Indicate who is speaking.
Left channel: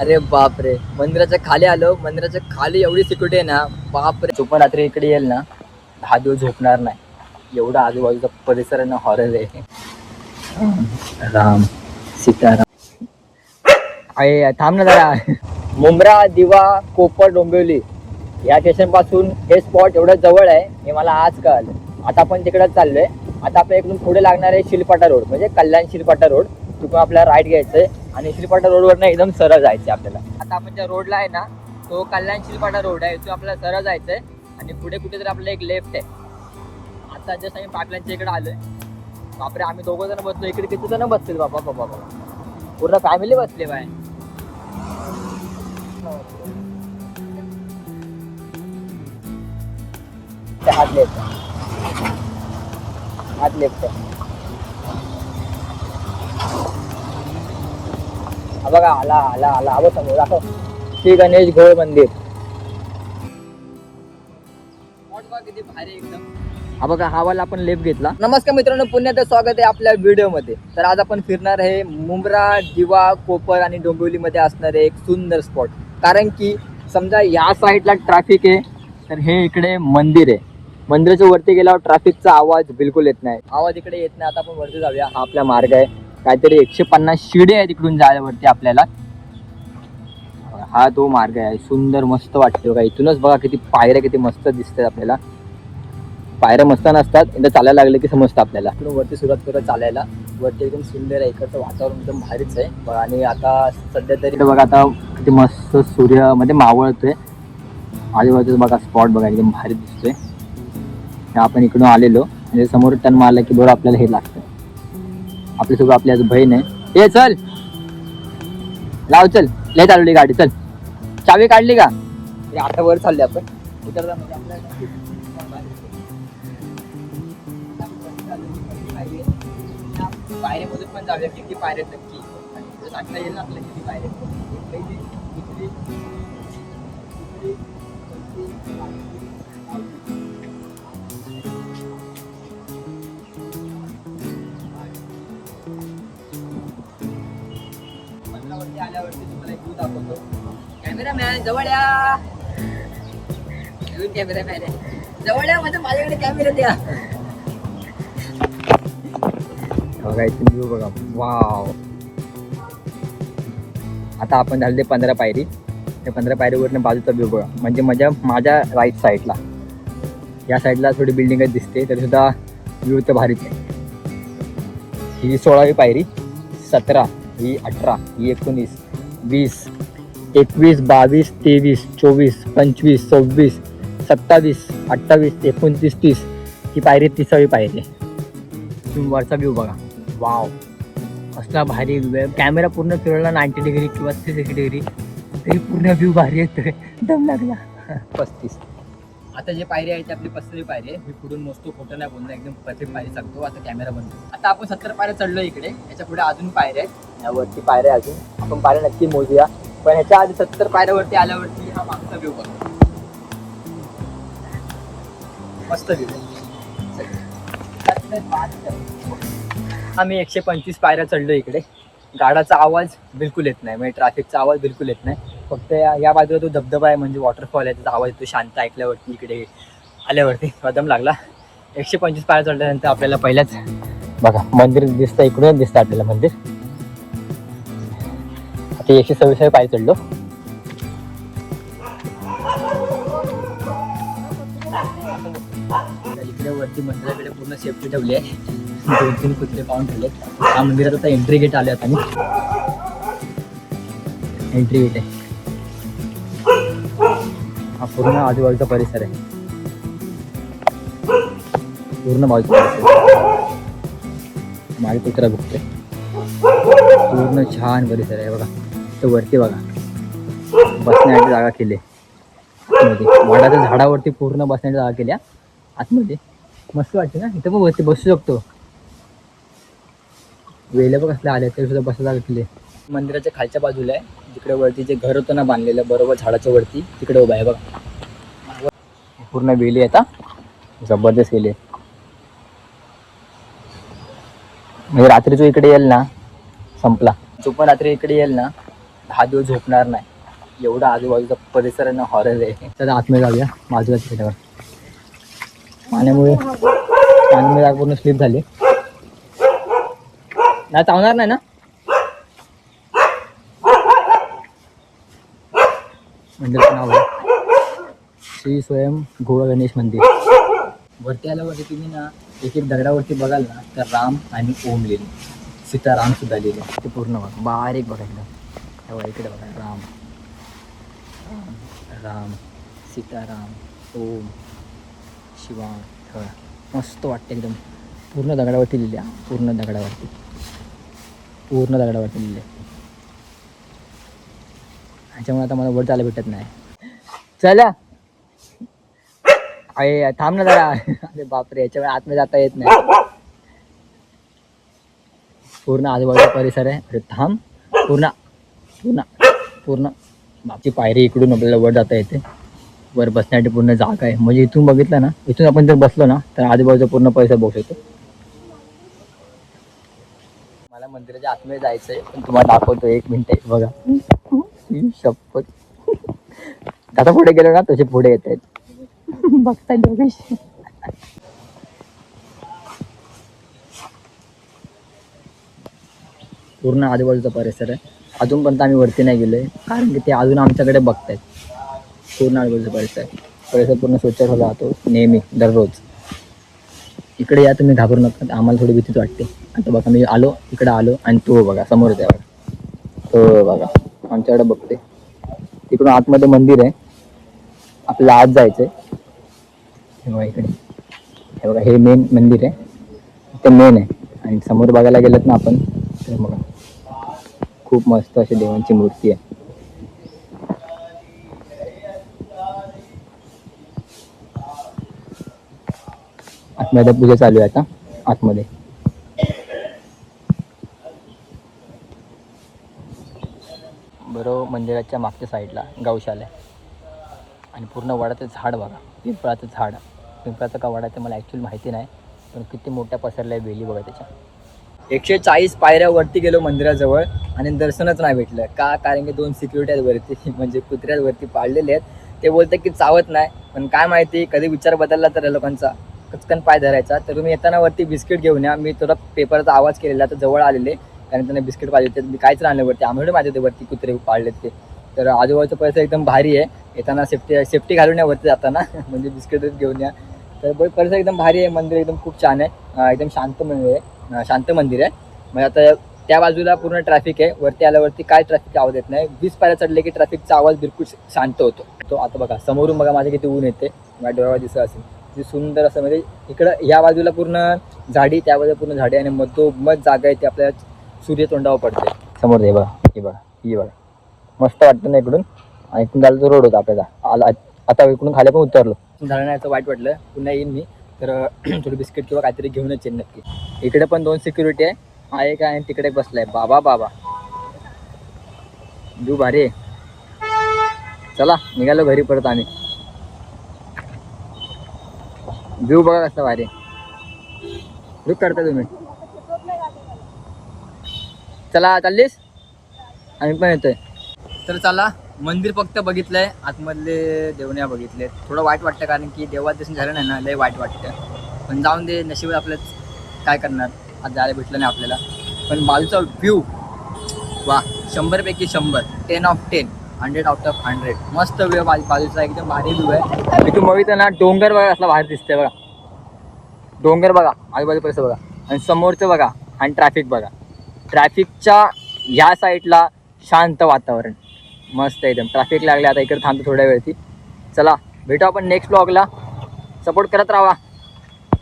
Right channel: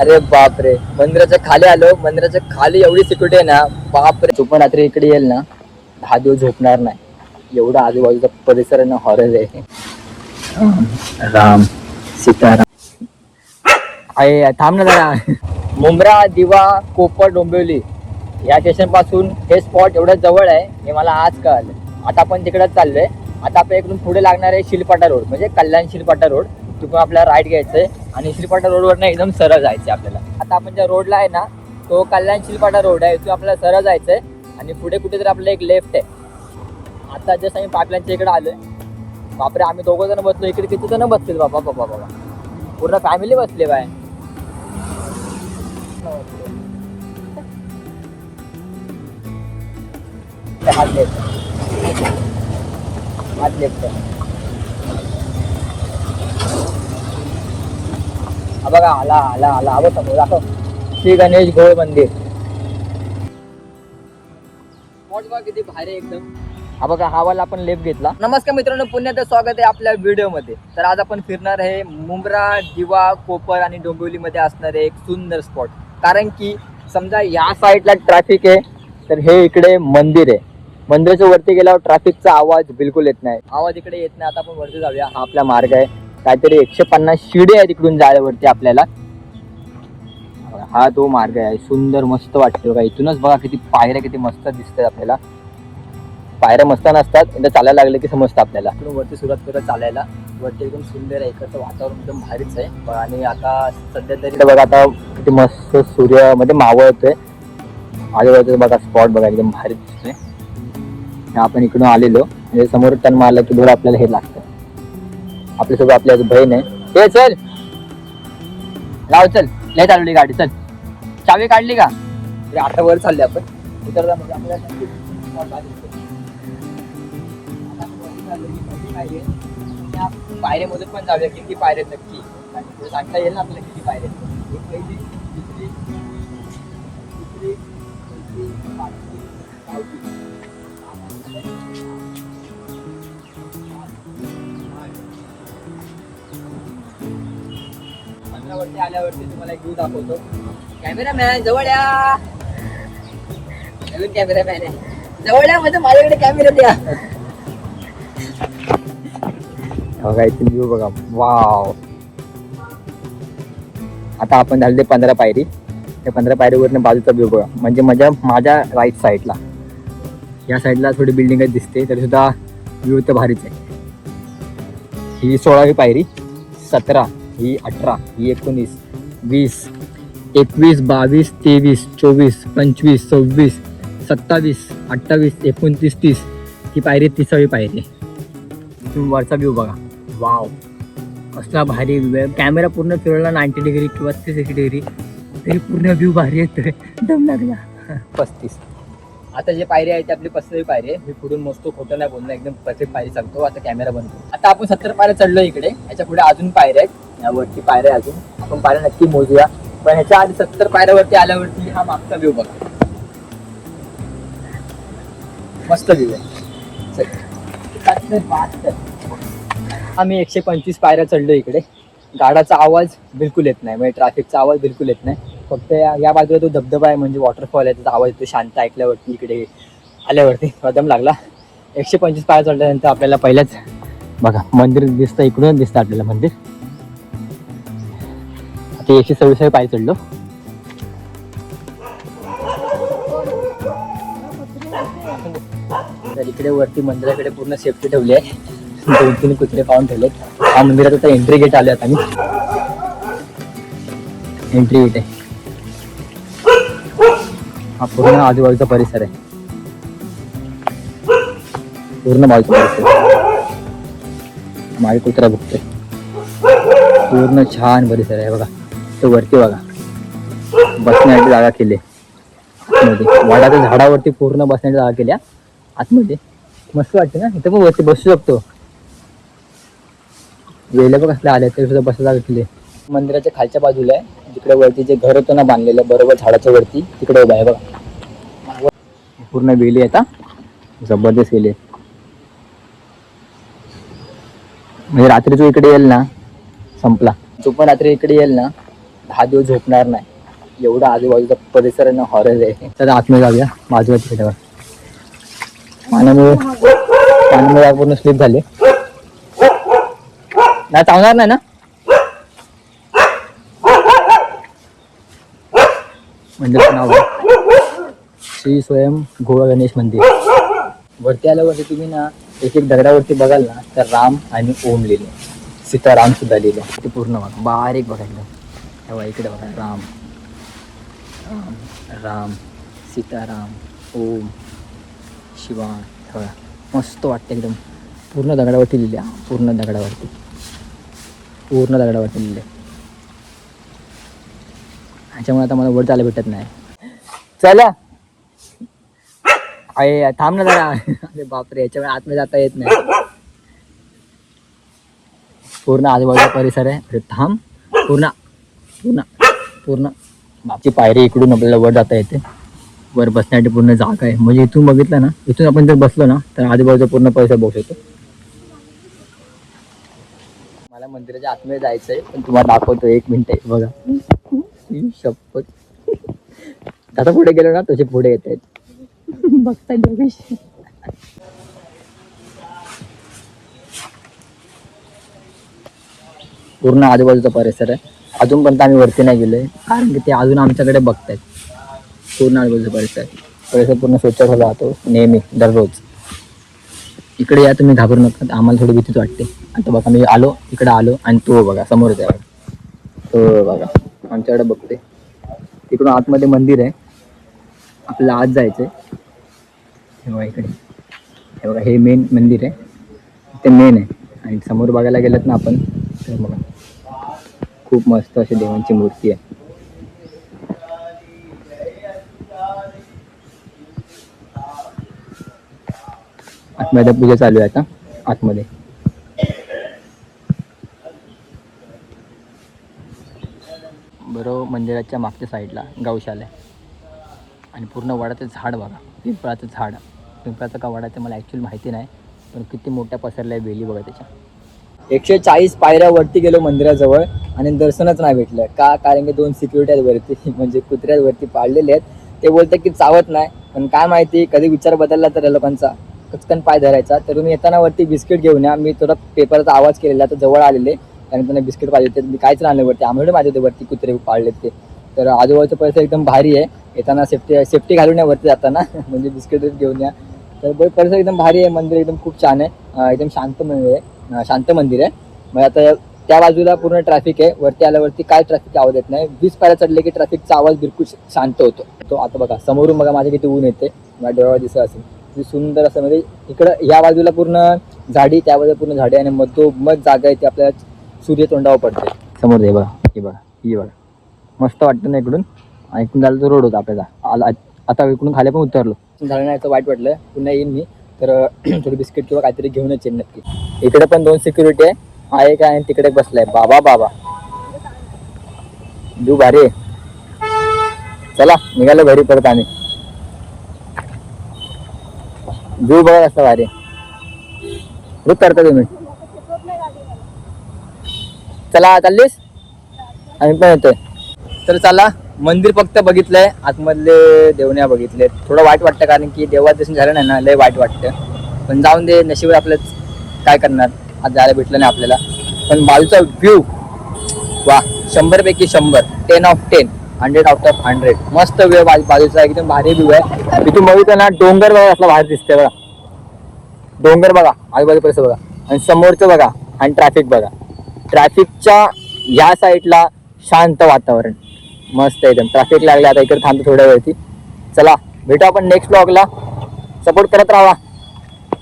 Speaker 1: अरे बापरे. मंदिराच्या खाली आलो. मंदिराच्या खाली एवढी सिक्युरिटी आहे ना. बापरे. तू पण रात्री इकडे येईल ना. दहा दिवस झोपणार नाही. एवढा आजूबाजूचा परिसर आहे ना हॉरर आहे. राम. सीताराम. थांब ना जरा. मुंब्रा दिवा कोपर डोंबिवली या स्टेशनपासून हे स्पॉट एवढं जवळ आहे हे मला आज कळालं. आता आपण तिकडंच चाललोय. आता आपल्या इकडून पुढे लागणार आहे शिलपाटा रोड म्हणजे कल्याण शिलपाटा रोड तिकडून आपल्याला राईट घ्यायचंय आणि शिलपाटा रोडवरनं एकदम सरळ जायचं आपल्याला. आता आपण ज्या रोडला आहे ना तो कल्याण शिलपाटा रोड आहे तो आपल्याला सरळ जायचंय आणि पुढे कुठेतरी आपलं एक लेफ्ट आहे. आता जस्ट आम्ही पाईपलाईनच्या इकडे आलोय बापरे आम्ही दोघं जण बसलो इकडे किती जण बसतील बाबा बाबा बाबा पूर्ण फॅमिली बसले बाय हात लेफ्ट हात लेफ्ट बघा आला आला आला. आलो समोर दाखव. श्री गणेश घोळ मंदिर. किती भारी एकदम. हा बघा हा वाला आपण लेफ्ट घेतला. नमस्कार मित्रांनो पुण्याचं स्वागत आहे आपल्या व्हिडिओमध्ये. तर आज आपण फिरणार आहे मुंब्रा दिवा कोपर आणि डोंबिवलीमध्ये असणारे एक सुंदर स्पॉट कारण की समजा या साईडला ट्रॅफिक आहे तर हे इकडे मंदिर आहे. मंदिराच्या वरती गेल्यावर ट्रॅफिकचा आवाज बिलकुल येत नाही. आवाज इकडे येत नाही. आता आपण वरती जाऊया. हा आपला मार्ग आहे. काहीतरी एकशे पन्नास शिडे आहे तिकडून जायला वरती आपल्याला. हा तो मार्ग आहे. सुंदर मस्त वाटतो बघा. इथूनच बघा किती पायऱ्या किती मस्त दिसतात आपल्याला. पायऱ्या मस्त नसतात एकदा चालायला लागले की समजतं आपल्याला. इकडून वरती सुरुवात करत चालायला. वरती एकदम सुंदर आहे. इकडचं वातावरण एकदम भारीच आहे. आणि आता सध्या तरी बघा आता किती मस्त सूर्यमध्ये मावळ येतोय. आजूबाजूला बघा स्पॉट बघा एकदम भारी दिसतोय. आपण इकडून आलेलो. म्हणजे समोर टन मारला की बोर्ड आपल्याला हे लागतं. आपल्यासोबत आपल्या बहीण आहे ए चल. लाव चल. लय चालली गाडी चल. चावी काढली का? अरे आता वर चालले आपण. उतरला म्हणजे आपल्याला पायऱ्यामधून पण जाऊया किती पायऱ्या नक्की. आणि पुढे सांगता येईल ना आपल्याला किती पायऱ्या आहेत. एक पहिली दुसरी तिसरी पंधरावरती आल्यावरती तुम्हाला व्ह्यू दाखवतो. कॅमेरामॅन जवळ या. नवीन कॅमेरामॅन आहे. जवळ या म्हणजे माझ्याकडे कॅमेरा द्या. हो बघा व्ह्यू बघा. वाव आता आपण झाले पंधरा पायरी. त्या पंधरा पायरीवरनं बाजूचा व्ह्यू बघा. म्हणजे माझ्या माझ्या राईट साईडला या साईडला थोडी बिल्डिंग दिसते तरी सुद्धा व्ह्यू तर भारीच आहे. ही सोळावी पायरी सतरा. ही अठरा ही एकोणीस वीस एकवीस बावीस तेवीस चोवीस पंचवीस सव्वीस सत्तावीस अठ्ठावीस एकोणतीस तीस. ही पायरी तिसावी पायरी आहे. तुम्ही वरचा व्ह्यू बघा. वाव असला भारी व्ह्यू आहे. कॅमेरा पूर्ण फिरवला नाईन्टी डिग्री किंवा थ्री सिक्स्टी डिग्री तरी पूर्ण व्ह्यू भारी येतोय. दम लागला. पस्तीस. आता जे पायरी आहे ती आपली पस्तीस पायरी आहे. मी पुढून मस्त खोटं नाही बोलणं. एकदम परफेक्ट पायरी सांगतो. आता कॅमेरा बनतो आता आपण सत्तर पायऱ्या चढलो इकडे. याच्यापुढे अजून पायऱ्या आहेत. यावरती पायऱ्या अजून. आपण पायऱ्या नक्की मोजूया. पण ह्याच्या आधी सत्तर पायऱ्यावरती आल्यावरती हा मागचा व्ह्यू बघा. मस्त व्ह्यू आहे. आम्ही एकशे पंचवीस पायऱ्या चढलो इकडे. गाडाचा आवाज बिलकुल येत नाही. म्हणजे ट्रॅफिकचा आवाज बिलकुल येत नाही. फक्त या या बाजूला तो धबधबा आहे म्हणजे वॉटरफॉल आहे. त्याचा आवाज येतो शांत ऐकल्यावरती इकडे आल्यावरती. कदम लागला. एकशे पंचवीस पायऱ्या चढल्यानंतर आपल्याला पहिल्याच बघा मंदिर दिसतं इकडून दिसतं आपल्याला मंदिर. आता एकशे सव्वीस पाय चढलो? इकडे वरती मंदिराकडे पूर्ण सेफ्टी ठेवली आहे. दोन तीन कुत्रे पाहून ठेवलेत. हा मंदिरात आता एंट्री गेट आले आता आम्ही एंट्री गेट आहे. हा पूर्ण आजूबाजूचा परिसर आहे. पूर्ण बाजूचा परिसर माझे कुत्रा बघतोय पूर्ण छान परिसर आहे बघा. तर वरती बघा. बसण्याची जागा केली. आतमध्ये. वाडाच्या झाडावरती पूर्ण बसण्याची जागा केल्या आतमध्ये. मस्त वाटते ना? इथं पण वरती बसू शकतो. वेळेला पण कसल्या आल्या तरी सुद्धा बसायला जागा केली. मंदिराच्या खालच्या बाजूला आहे. जिकडे वरती जे घर होतं ना बांधलेलं बरोबर झाडाच्या वरती तिकडे उभं आहे बघा. पूर्ण वेली आता. जबरदस्त वेली म्हणजे रात्री तू इकडे येईल ना? संपला. तू पण रात्री इकडे येईल ना दहा दिवस झोपणार नाही. एवढा आजूबाजूचा परिसर आहे ना हॉरर आहे. तर आतमध्ये जाऊया. बाजूला तिकडेवर पाण्यामुळे पाण्यामुळे पूर्ण स्लिप झाले. नाही चावणार नाही ना? मंदिराचं नाव श्री स्वयं गोवा गणेश मंदिर. वरती आल्यावरती तुम्ही ना एक एक दगडावरती बघाल ना तर राम आणि ओम लिहिले. सीताराम सुद्धा लिहिले. ते पूर्ण बारीक बघायला तेव्हा इकडे बघा. राम. राम. राम. सीताराम. ओम. शिवा बघा मस्त वाटतं एकदम. पूर्ण दगडावरती लिहिले. हा, पूर्ण दगडावरती. पूर्ण दगडावरती लिहिले. ह्याच्यामुळे आता मला वर जायला भेटत नाही. चला. अरे थांब ना जरा. अरे बापरे याच्यामुळे आतमध्ये जाता येत नाही. पूर्ण आजूबाजूचा परिसर आहे. अरे थांब. पूर्ण पूर्ण पूर्ण. बाकी पायरी इकडून आपल्याला वर जाता येते. वर बसण्यासाठी पूर्ण जागा आहे. म्हणजे इथून बघितलं ना इथून आपण जर बसलो ना तर आजूबाजूचा पूर्ण परिसर बघू शकतो. मला मंदिराच्या आतमध्ये जायचं आहे पण तुम्हाला दाखवतो एक मिनिट. आहे बघा शपथ. आता पुढे गेलो ना तसे पुढे येत आहेत. बघताय दोघेशी पूर्ण आजूबाजूचा परिसर आहे. अजूनपर्यंत आम्ही वरती नाही गेलोय. कारण की ते अजून आमच्याकडे बघतायत. पूर्ण आजूबाजूचा परिसर. परिसर पूर्ण स्वच्छ ठेवला जातो. नेहमी दररोज. इकडे या तुम्ही घाबरू नका. आम्हाला थोडी भीतीच वाटते. आता बघा मी आलो इकडे आलो आणि तो बघा समोर आहे हो बघा आमच्याकडे बघते तिकडून आतमध्ये मंदिर आहे. आपल्याला आत जायचंय. हे बघा इकडे. हे बघा हे मेन मंदिर आहे. ते मेन आहे. आणि समोर बघायला गेलं ना आपण तर बघा. खूप मस्त अशी देवांची मूर्ती आहे. आतमध्ये पूजा चालू आहे आता आतमध्ये. बरोबर मंदिराच्या मागच्या साईडला गौशाला आहे आणि पूर्ण वडाचं झाड बघा पिंपळाचं झाड. पिंपळाचं का वडाचं मला ॲक्च्युअली माहिती नाही पण किती मोठ्या पसरल्या आहे वेली बघा त्याच्या. एकशे चाळीस पायऱ्या वरती गेलो मंदिराजवळ आणि दर्शनच नाही भेटलं. का? कारण की दोन सिक्युरिटी वरती म्हणजे कुत्र्यात वरती पाळलेले आहेत. ते बोलतात की चावत नाही. पण काय माहिती कधी विचार बदलला तर लोकांचा. पचकन पाय धरायचा. तर तुम्ही येताना वरती बिस्किट घेऊन या. मी थोडा पेपरचा आवाज केलेला तर जवळ आलेले. कारण त्यांना बिस्किट पाहिजे होते. मी काहीच राहिले वरती. आम्हाला माझे होते वरती कुत्रे पाळले ते. तर आजूबाजूचा परिसर एकदम भारी आहे. येताना सेफ्टी सेफ्टी घालून या वरती जाताना. म्हणजे बिस्किटच घेऊन या. तर परिसर एकदम भारी आहे. मंदिर एकदम खूप छान आहे. एकदम शांत मंदिर आहे. शांत मंदिर आहे. मग आता त्या बाजूला पूर्ण ट्रॅफिक आहे. वरती आल्यावरती काय ट्रॅफिक आवाज येत नाही. वीस पायऱ्या चढले की ट्रॅफिकचा आवाज बिलकुल शांत होतो. तो आता बघा समोरून बघा माझ्या किती ऊन येते. माझ्या डोळ्यावर दिसत असेल. किती सुंदर असं म्हणजे इकडं या बाजूला पूर्ण झाडी त्या बाजूला पूर्ण झाडी आणि मधोमध जागा आहे ती आपल्या सूर्य तोंडावर पडते. समोर हे बघा हे बघा ही बघा. मस्त वाटतं ना इकडून. आणि इकडून झालं तर रोड होता आपल्याला. आला आता इकडून खाली पण उतरलो. झालं नाही असं वाईट वाटलं. पुन्हा येईन मी. तर थोडी बिस्किट किंवा काहीतरी घेऊनच येईन नक्की. इकडे पण दोन सिक्युरिटी आहे. हा एक आहे आणि तिकडे एक बसलाय. बाबा बाबा. दू भारी चला निघालो घरी परत आम्ही. व्यू बघा कसं भारी आहे. रुक करता तुम्ही. चला चाललीस? आम्ही पण येतोय. तर चला मंदिर फक्त बघितलंय आतमधले देवण्या बघितले थोडं वाईट वाटतं कारण की देवा दर्शन झालं नाही ना लय वाईट वाटतं. पण जाऊन दे नशिबात आपलं काय करणार? आज जायला भेटलं नाही आपल्याला. पण बाजूचा व्ह्यू वा शंभर पैकी शंभर. Ten of ten hundred out of hundred मस्त व्ह्यू आहे बाजूचा एकदम भारी व्ह्यू आहे. तिथून बघितलं ना डोंगर बघा असला बाहेर दिसतंय बघा. डोंगर बघा आजूबाजू परिसर बघा. आणि समोरचं बघा आणि ट्रॅफिक बघा. ट्रॅफिकच्या ह्या साईडला शांत वातावरण. मस्त एकदम. ट्रॅफिक लागले आता इकडे थांबतो थोड्या वेळची. चला भेटू आपण नेक्स्ट ब्लॉगला सपोर्ट करत राहा.